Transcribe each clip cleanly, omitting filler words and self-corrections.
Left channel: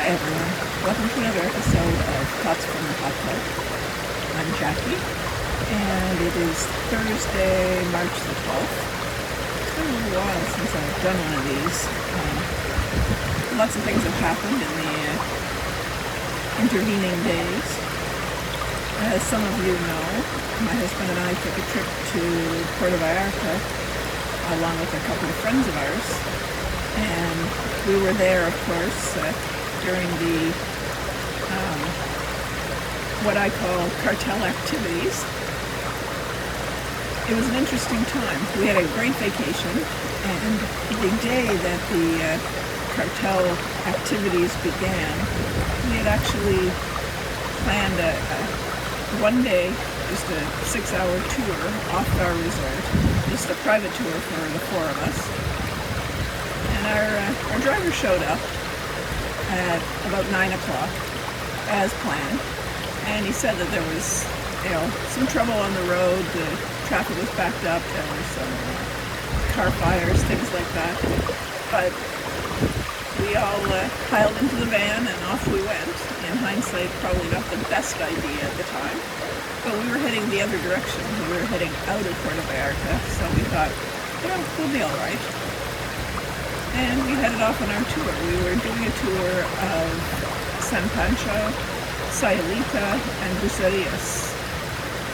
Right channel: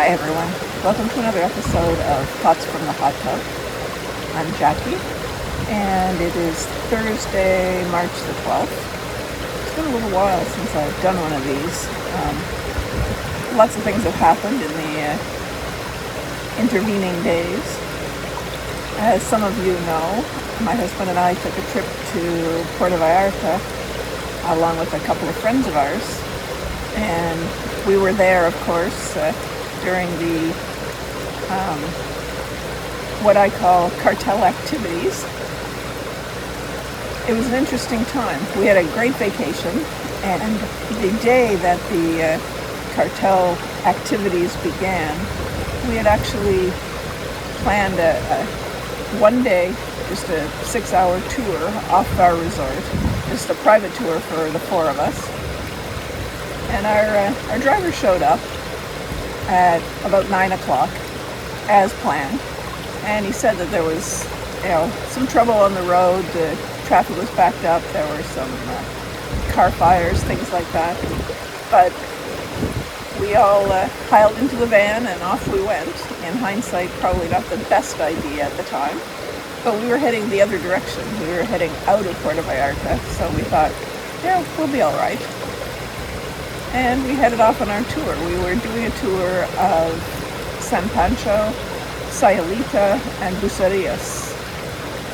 Hi everyone, welcome to another episode of Thoughts from the Hot Tub. I'm Jackie, and it is Thursday, March the 12th. It's been a little while since I've done one of these. Lots of things have happened in the intervening days. As some of you know, my husband and I took a trip to Puerto Vallarta along with a couple of friends of ours, and we were there, of course, during the what I call cartel activities. It was an interesting time. We had a great vacation, and the day that the cartel activities began, we had actually planned a one-day, just a 6-hour tour off our resort, just a private tour for the four of us. And our driver showed up at about 9 o'clock, as planned, and he said that there was, some trouble on the road. The traffic was backed up. There were some car fires, things like that. But we all piled into the van and off we went. In hindsight, probably not the best idea at the time, but we were heading the other direction. We were heading out of Puerto Vallarta, so we thought, yeah, we'll be all right. And we headed off on our tour. We were doing a tour of San Pancho, Sayulita, and Bucerías.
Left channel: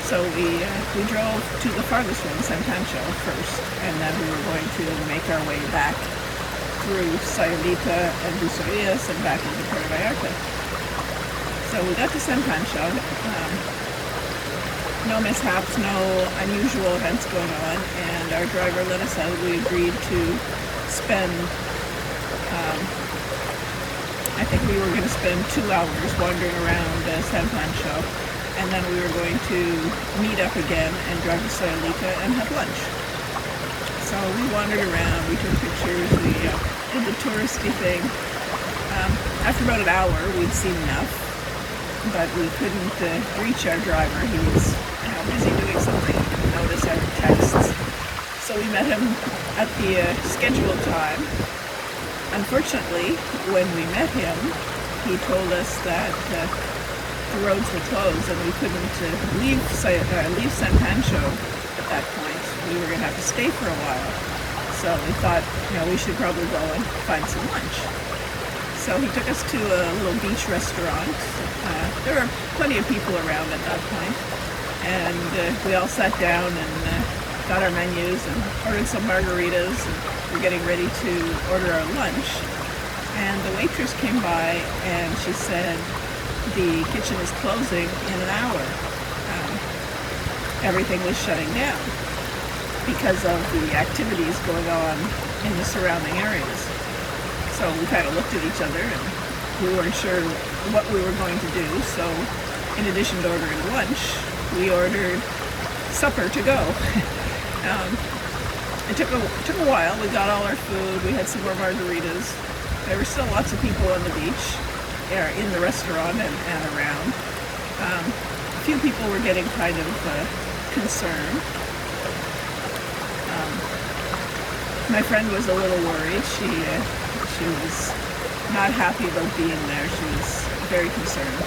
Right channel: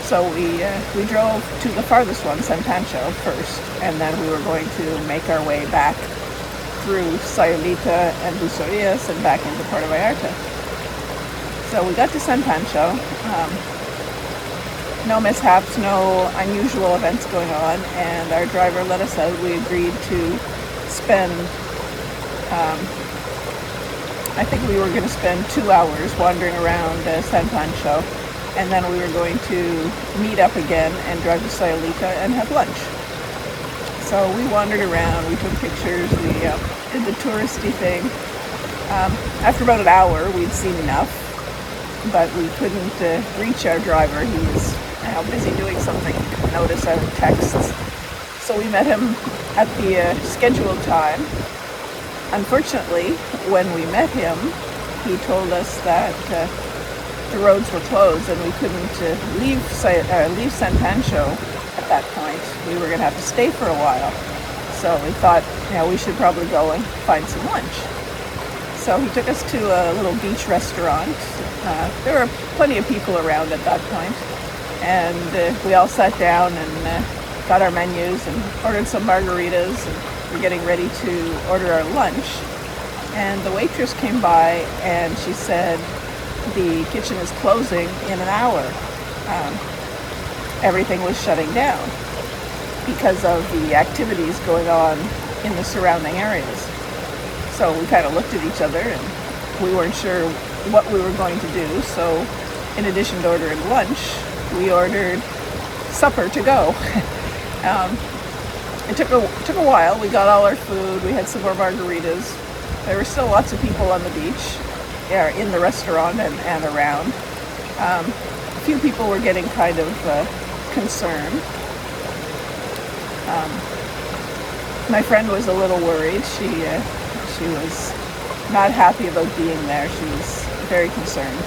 So we drove to the farthest one, San Pancho, first, and then we were going to make our way back through Sayulita and Bucerías and back into Puerto Vallarta. So we got to San Pancho. No mishaps, no unusual events going on, and our driver let us out. We agreed to spend, I think we were going to spend 2 hours wandering around San Pancho, and then we were going to meet up again and drive to Sayulita and have lunch. So we wandered around, we took pictures, we did the touristy thing. After about an hour, we'd seen enough, but we couldn't reach our driver. He was busy doing something. He didn't notice our texts. So we met him at the scheduled time. Unfortunately, when we met him, he told us that the roads were closed and we couldn't leave San Pancho at that point. We were going to have to stay for a while. So we thought, we should probably go and find some lunch. So he took us to a little beach restaurant. There were plenty of people around at that point, and we all sat down and got our menus and ordered some margaritas, and we're getting ready to order our lunch. And the waitress came by and she said the kitchen is closing in an hour. Everything was shutting down because of the activities going on in the surrounding areas. So we kind of looked at each other and we weren't sure what we were going to do. So in addition to ordering lunch, we ordered supper to go. It took a while. We got all our food. We had some more margaritas. There were still lots of people on the beach, in the restaurant and around. A few people were getting kind of concerned. My friend was a little worried. She was not happy about being there. She was very concerned.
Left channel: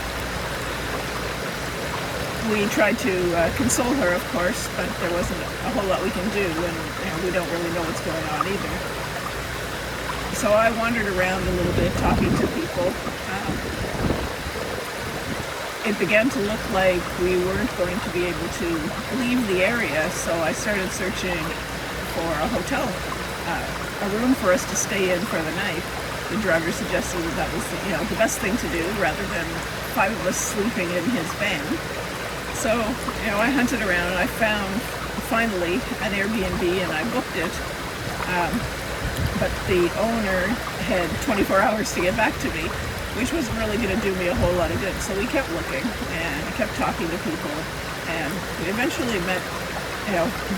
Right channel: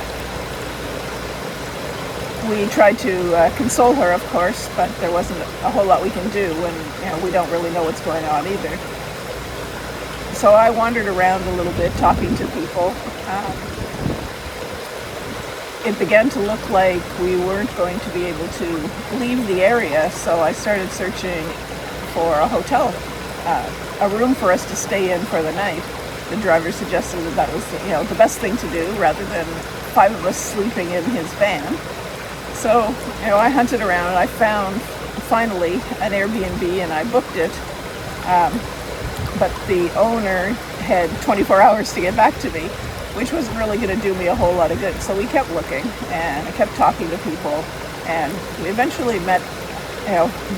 We tried to console her, of course, but there wasn't a whole lot we can do when we don't really know what's going on either. So I wandered around a little bit talking to people. It began to look like we weren't going to be able to leave the area, so I started searching for a hotel, a room for us to stay in for the night. The driver suggested that was the best thing to do rather than 5 of us sleeping in his van. So, I hunted around and I found finally an Airbnb and I booked it. But the owner had 24 hours to get back to me, which wasn't really going to do me a whole lot of good. So we kept looking and I kept talking to people, and we eventually met,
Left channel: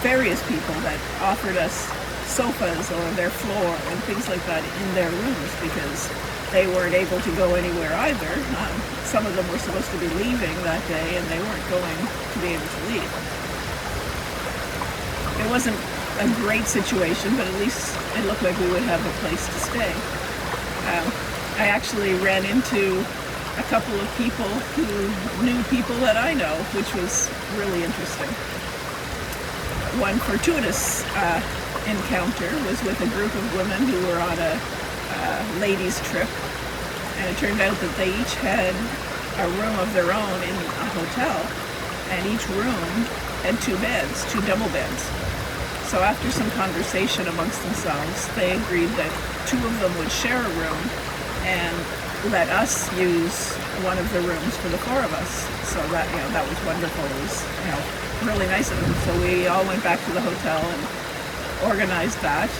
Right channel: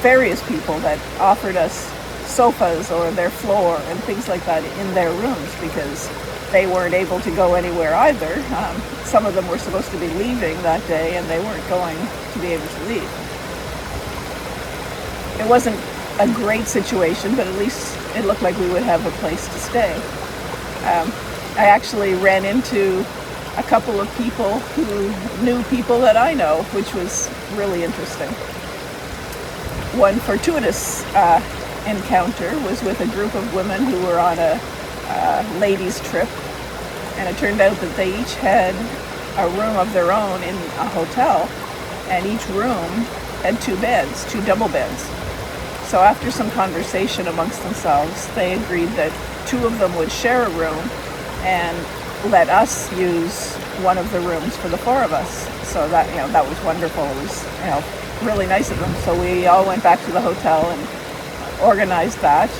various people that offered us sofas or their floor and things like that in their rooms because they weren't able to go anywhere either. Some of them were supposed to be leaving that day and they weren't going to be able to leave. It wasn't a great situation, but at least it looked like we would have a place to stay. I actually ran into a couple of people who knew people that I know, which was really interesting. One fortuitous encounter was with a group of women who were on a ladies' trip, and it turned out that they each had a room of their own in a hotel, and each room had two beds, two double beds. So after some conversation amongst themselves, they agreed that two of them would share a room and let us use one of the rooms for the four of us. So that, that was wonderful. It was, really nice of them. So we all went back to the hotel and organized that.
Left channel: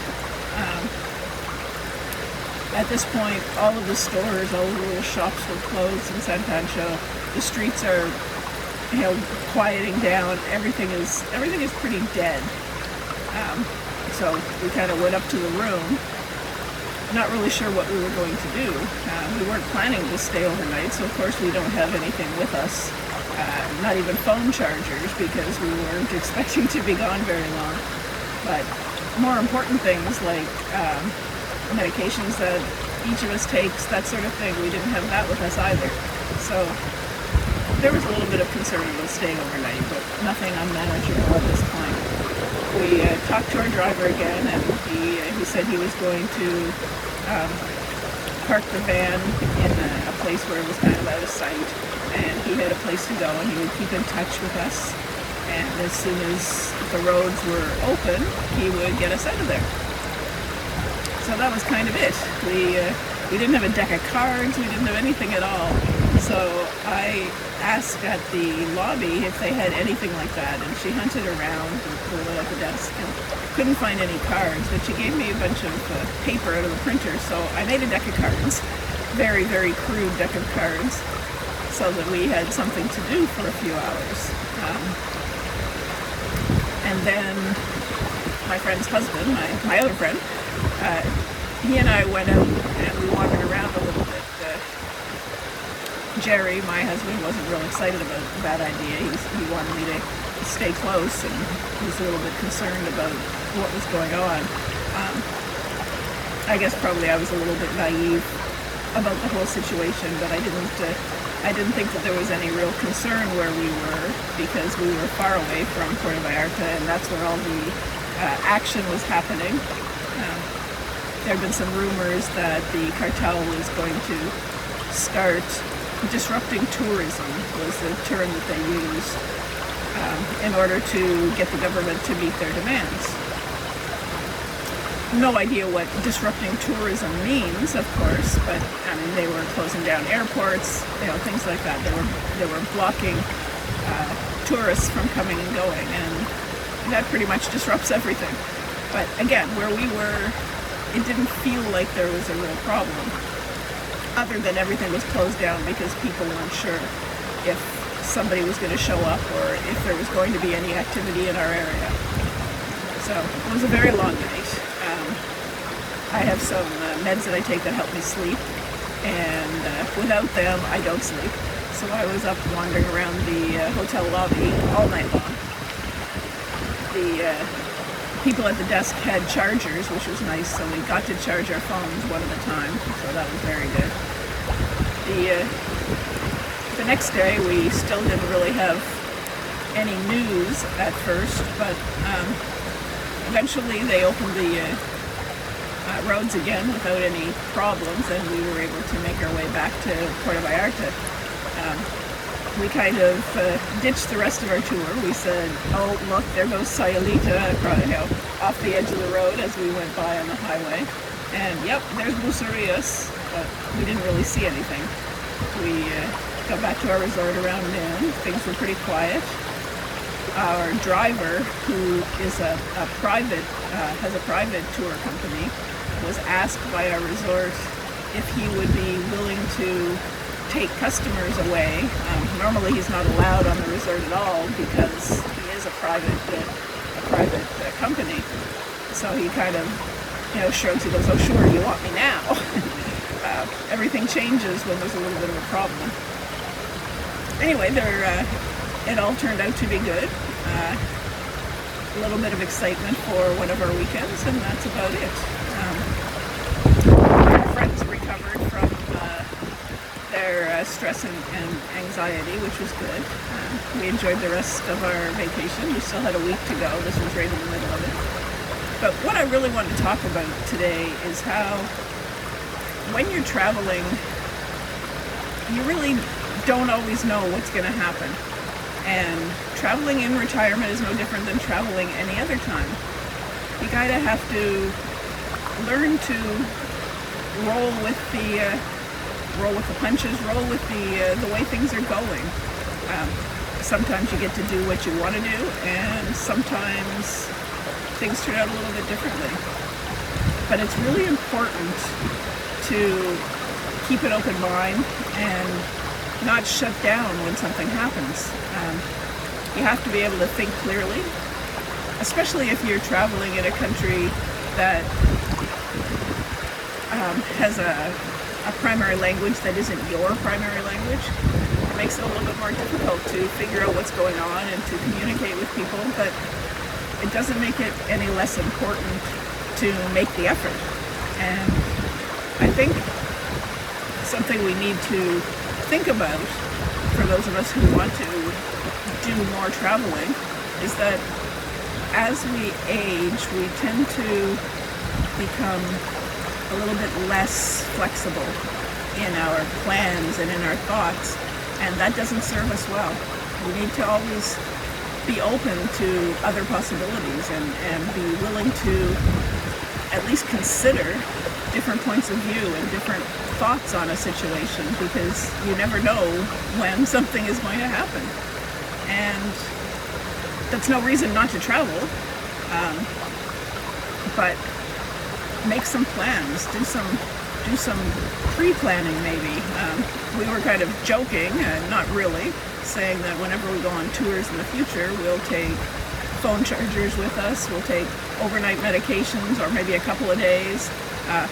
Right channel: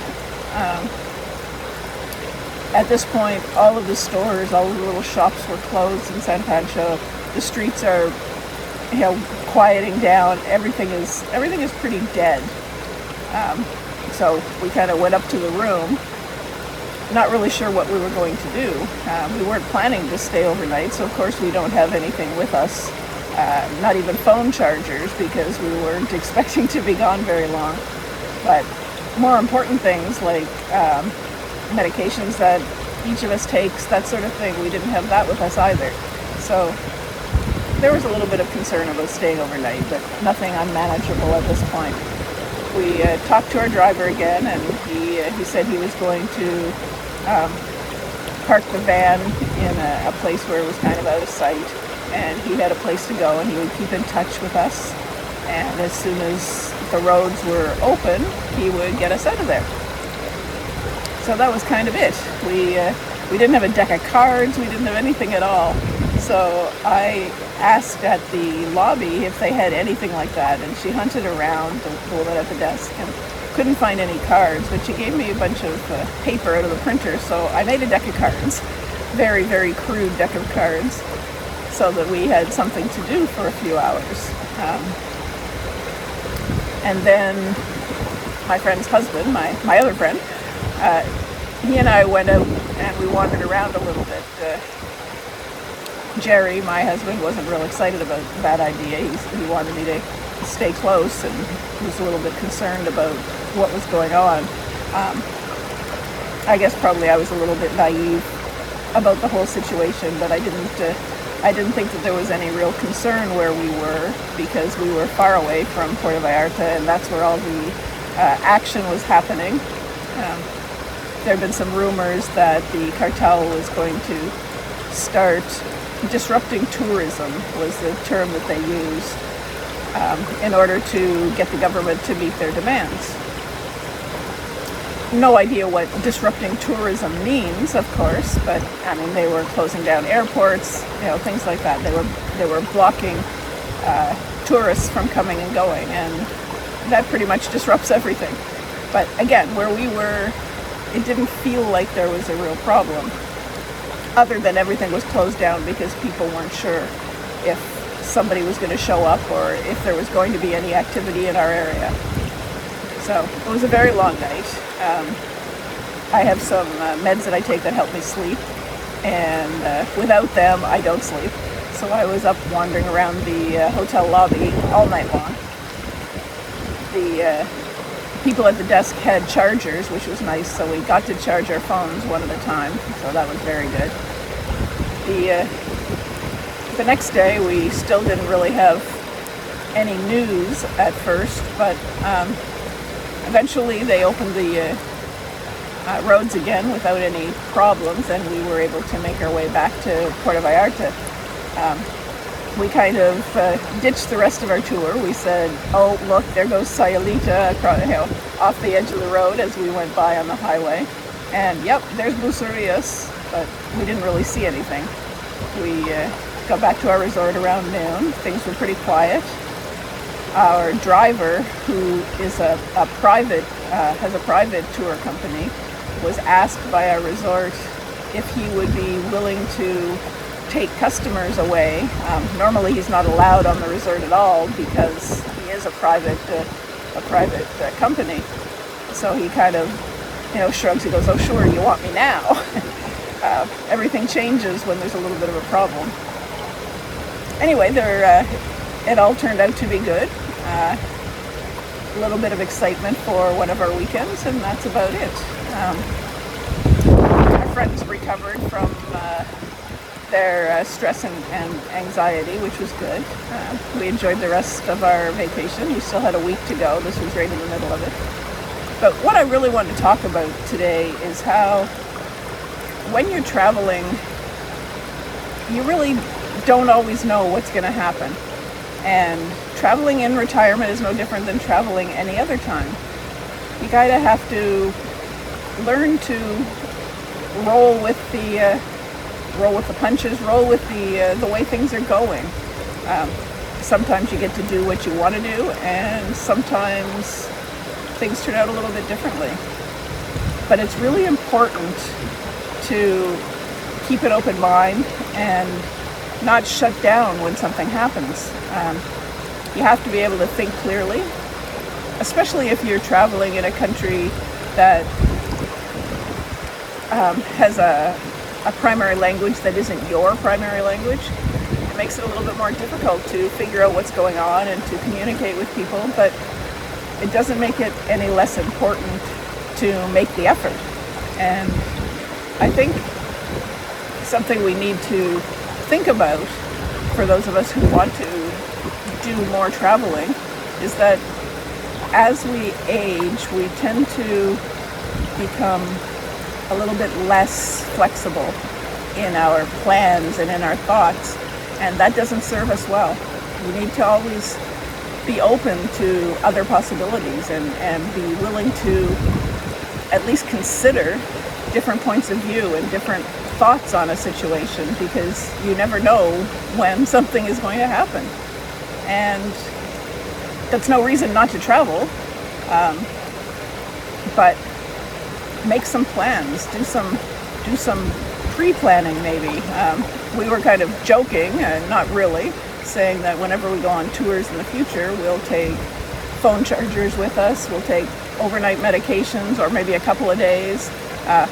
At this point, all of the stores, all of the little shops were closed in San Pancho. The streets are, quieting down. Everything is pretty dead. So we kind of went up to the room, not really sure what we were going to do. We weren't planning to stay overnight, so of course we don't have anything with us, not even phone chargers, because we weren't expecting to be gone very long. But more important things like medications that each of us takes, that sort of thing, we didn't have that with us either. So there was a little bit of concern about staying overnight, but nothing unmanageable at this point. We talked to our driver again, and he said he was going to park the van in a place where it was kind of out of sight, and he had a place to go, and he would keep in touch with us, and as soon as the roads were open, he would get us out of there. So that was kind of it. We didn't have a deck of cards, we didn't have anything at all. So I asked at the lobby if they had anything like that, and she hunted around a little bit at the desk and couldn't find any cards, but she gave me a bunch of paper out of the printer, so I made a deck of cards, very, very crude deck of cards, so that we had something to do for a few hours. And then my friend's husband, my other friend, he and I went out and we wandered around a little bit. Jerry, my husband, wasn't real excited about that idea. He wanted me to stay close, and he was a little bit concerned about what was going on. I guess probably I was a little bit naive about the whole situation, but I didn't think that there was any real concern where we were, because we were far away from Puerto Vallarta, and that's where all the action was happening. There had been some rumors that the cartel was going to start disrupting tourism, was the term that they used, in order to get the government to meet their demands. No idea what disrupting tourism means, of course, but I mean, they were closing down airports, things like that. They were blocking tourists from coming and going, and that pretty much disrupts everything. But again, where we were, it didn't feel like there was a real problem, other than everything was closed down because people weren't sure if somebody was going to show up or if there was going to be any activity in our area. So it was a very long night. I have some meds that I take that help me sleep, and without them I don't sleep. So I was up wandering around the hotel lobby all night long. The people at the desk had chargers, which was nice, so we got to charge our phones one at a time, so that was very good. The next day we still didn't really have any news at first, but eventually they opened the roads again without any problems, and we were able to make our way back to Puerto Vallarta. We kind of ditched the rest of our tour. We said, oh, look, there goes Sayulita off the edge of the road as we went by on the highway. And yep, there's Bucerías, but we didn't really see anything. We got back to our resort around noon. Things were pretty quiet. Our driver, who is has a private tour company, was asked by our resort if he would be willing to take customers away. Normally he's not allowed on the resort at all because he is a private company. So he kind of, shrugs. He goes, "Oh, sure, you want me now?" Everything changes when there's a little bit of a problem. Anyway, it all turned out to be good. A little bit of excitement for one of our weekends, and that's about it. friends recovered from their stress and anxiety, which was good. We enjoyed the rest of our vacation. We still had a week to go. This was right in the middle of it. But what I really want to talk about today is how when you're traveling, you really don't always know what's going to happen. And traveling in retirement is no different than traveling any other time. You gotta have to learn to roll with the punches, roll with the way things are going. Sometimes you get to do what you want to do, and sometimes things turn out a little bit differently. But it's really important to keep an open mind and not shut down when something happens. You have to be able to think clearly, especially if you're traveling in a country that has a primary language that isn't your primary language. It makes it a little bit more difficult to figure out what's going on and to communicate with people, but it doesn't make it any less important to make the effort. And I think something we need to think about for those of us who want to do more traveling is that as we age, we tend to become a little bit less flexible in our plans and in our thoughts, and that doesn't serve us well. We need to always be open to other possibilities and be willing to at least consider different points of view and different thoughts on a situation, because you never know when something is going to happen. And that's no reason not to travel, but make some plans, do some pre-planning maybe. We were kind of joking, and not really, saying that whenever we go on tours in the future, we'll take phone chargers with us, we'll take overnight medications, or maybe a couple of days,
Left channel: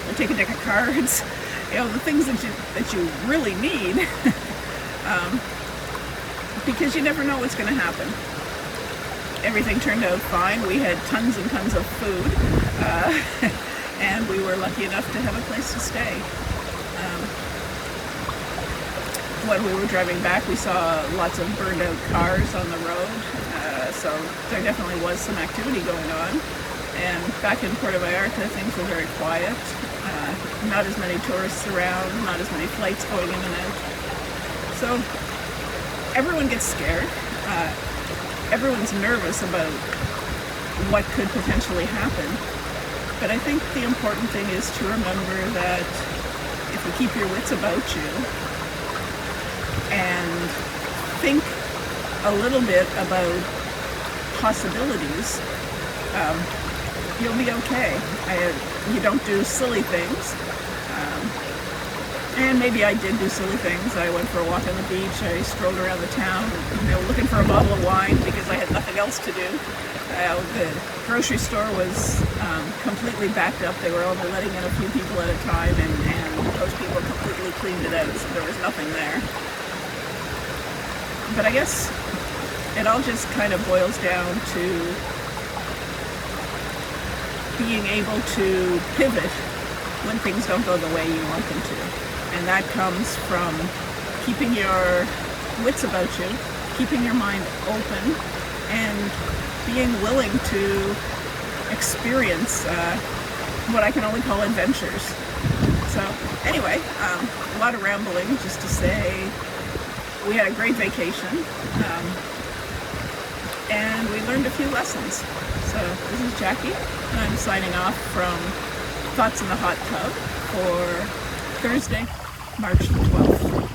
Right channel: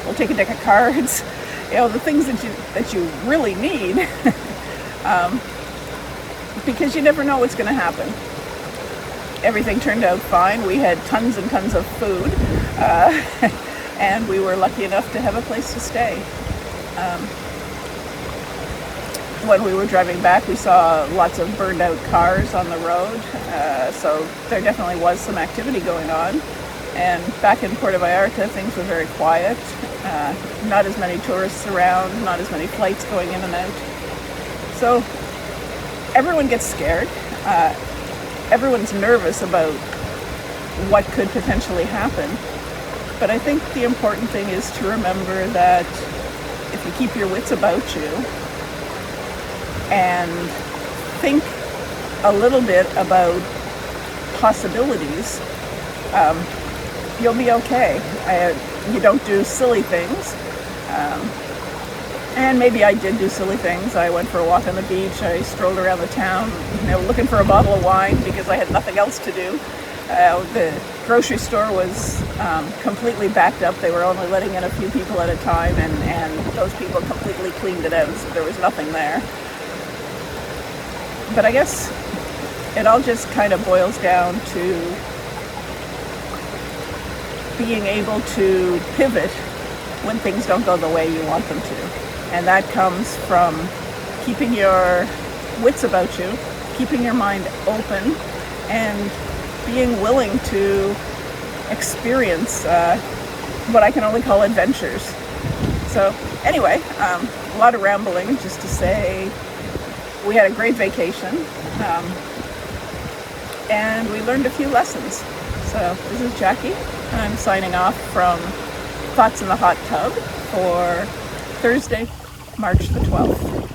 we'll take a deck of cards, the things that you really need, because you never know what's going to happen. Everything turned out fine. We had tons and tons of food, and we were lucky enough to have a place to stay. When we were driving back, we saw lots of burned out cars on the road, so there definitely was some activity going on. And back in Puerto Vallarta, things were very quiet. Not as many tourists around, not as many flights going in and out. So everyone gets scared. Everyone's nervous about what could potentially happen. But I think the important thing is to remember that if you keep your wits about you and think a little bit about possibilities, you'll be okay. You don't do silly things. And maybe I did do silly things. I went for a walk on the beach. I strolled around the town, looking for a bottle of wine because I had nothing else to do. The grocery store was completely backed up. They were only letting in a few people at a time, and those people completely cleaned it out, so there was nothing there. But I guess it all just kind of boils down to being able to pivot when things don't go the way you want them to. And that comes from keeping your wits about you, keeping your mind open, and being willing to experience what I can only call adventures. So anyway, a lot of rambling just to say we had a great vacation, and we learned a few lessons. So this is Jackie, and I'm signing off from Thoughts in the Hot Tub for Thursday, March the 12th.